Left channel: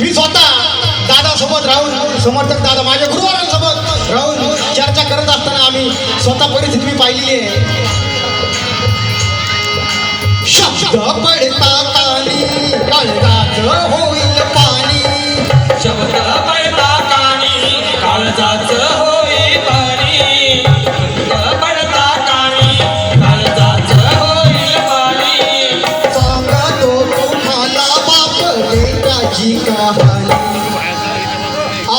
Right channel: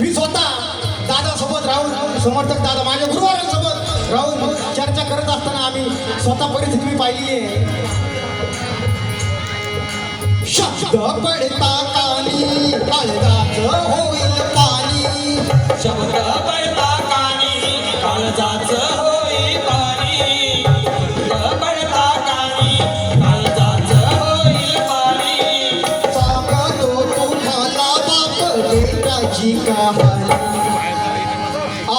मी स्वतः दादासोबत राहून समर्थक दादा माझ्या गुरुवारांसोबत राहून चर्चा करत असताना आम्ही स्वतः परिस्थिती मी पाहिलेली आहे. शब्द पडता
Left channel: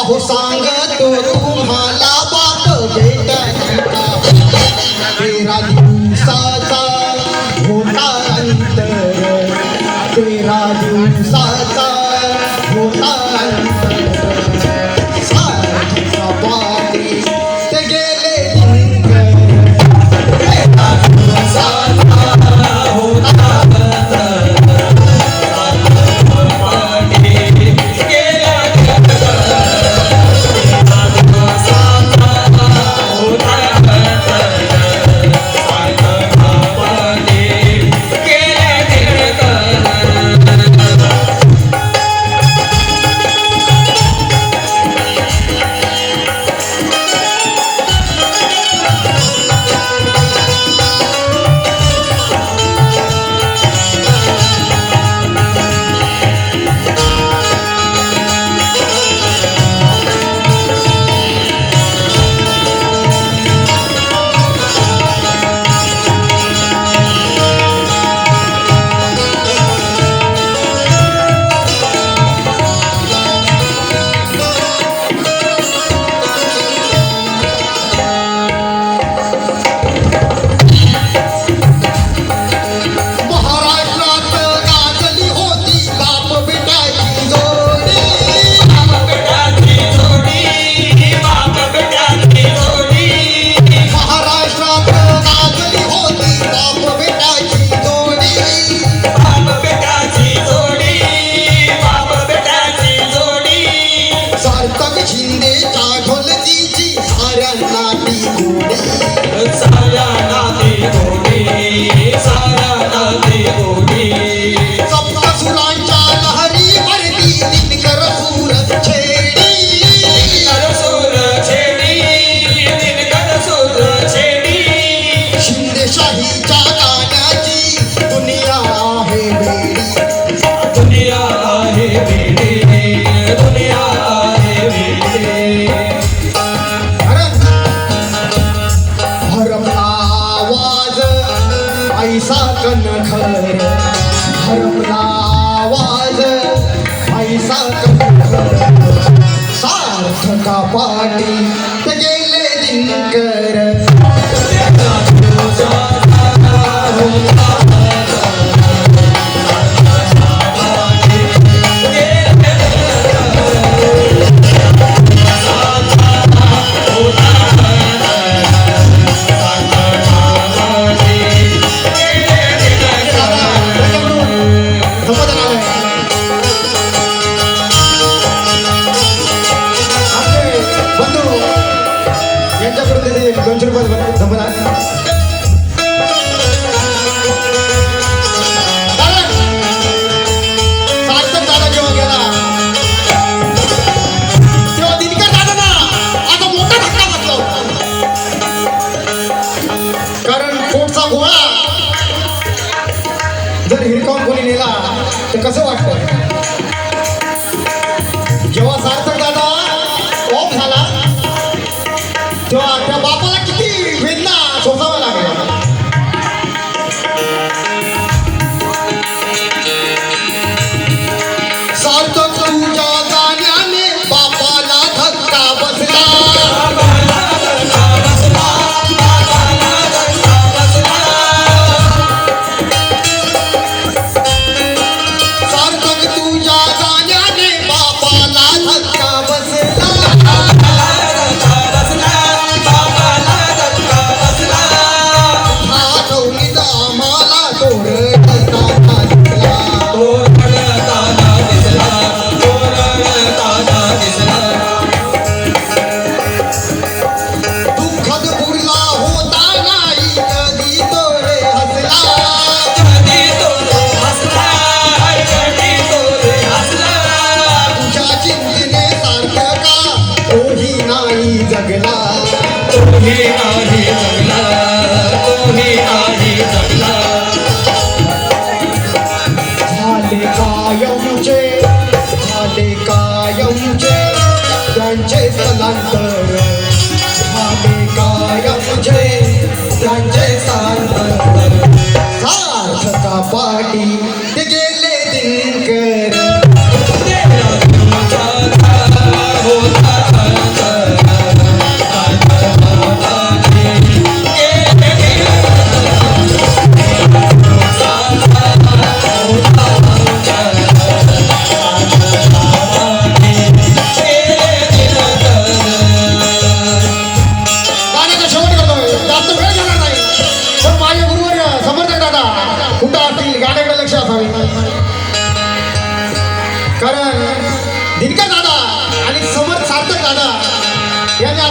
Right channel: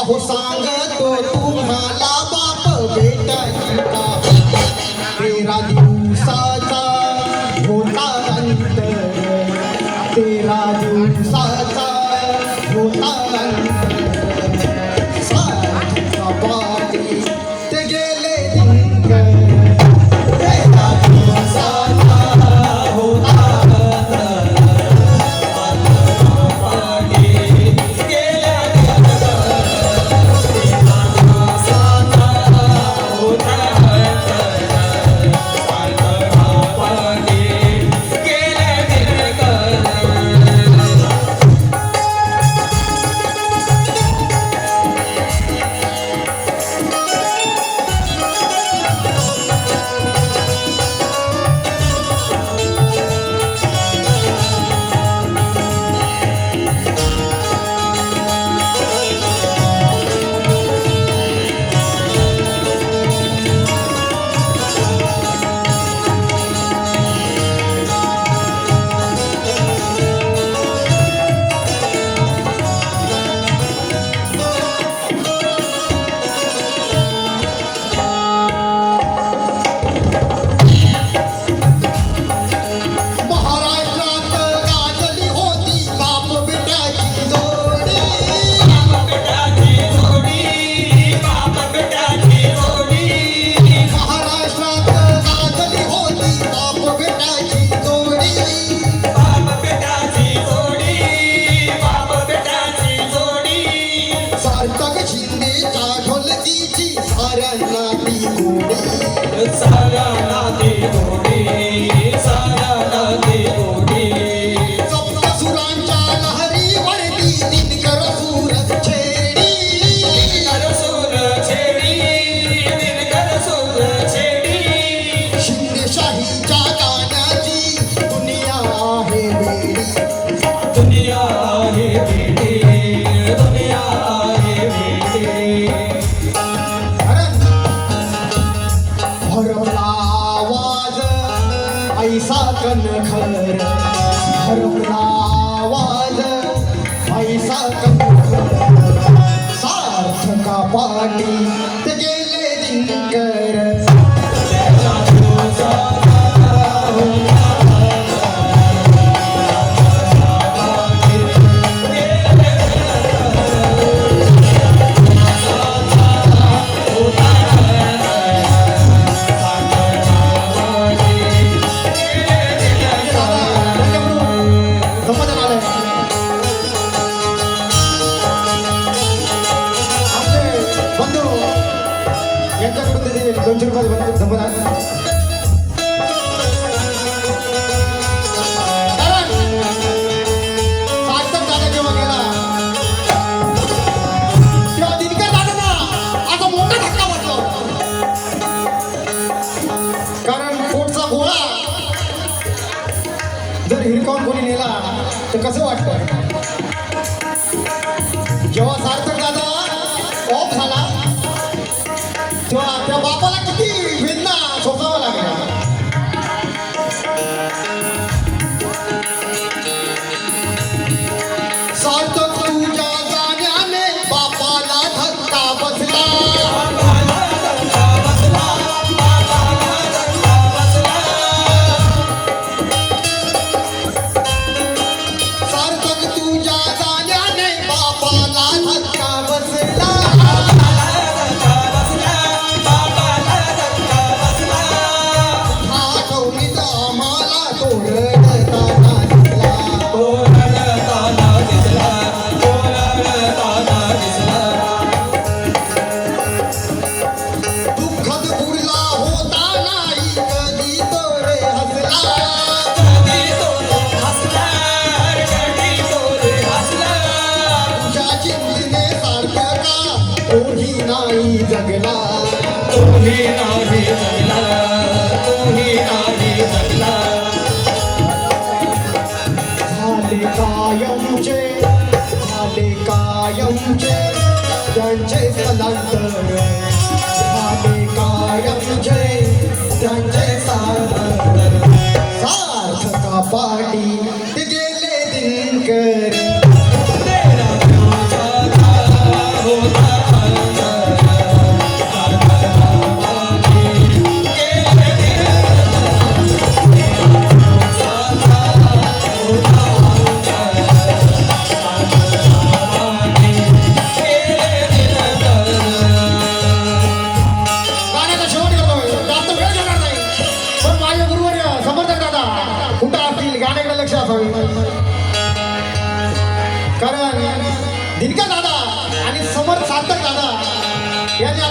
हो सांगतो तुम्हाला. पैसा कनखर भरला आवाज पैसा कनखर सार्थका पाटी गेले दिनकर। 刚才。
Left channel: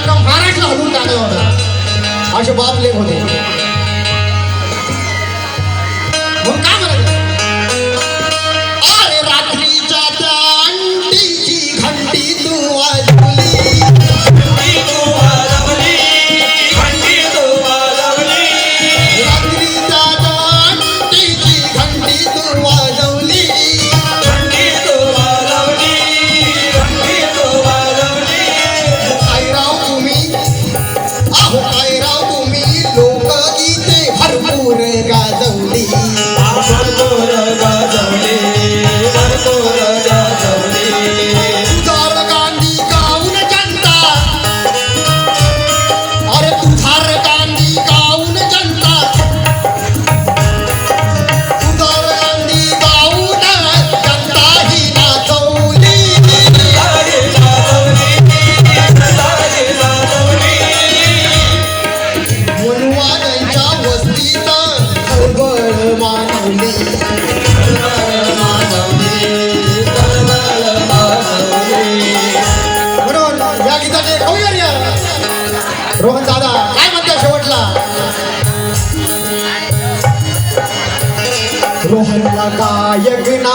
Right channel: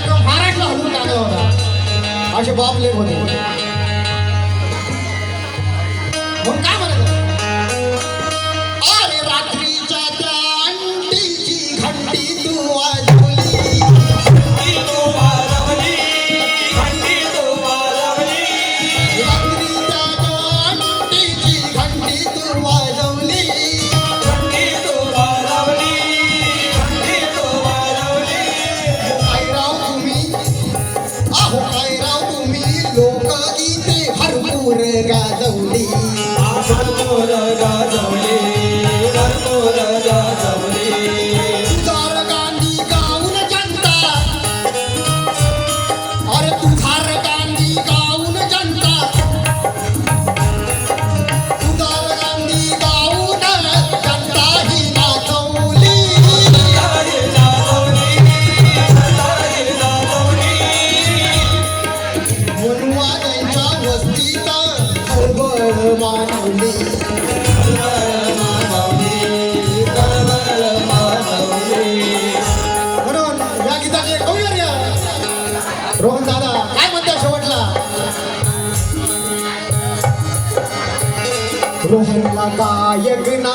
अख्खा महाराष्ट्र हलून टाकला होता. असे बाप लेख होते ಸಹಾಯಕನಾ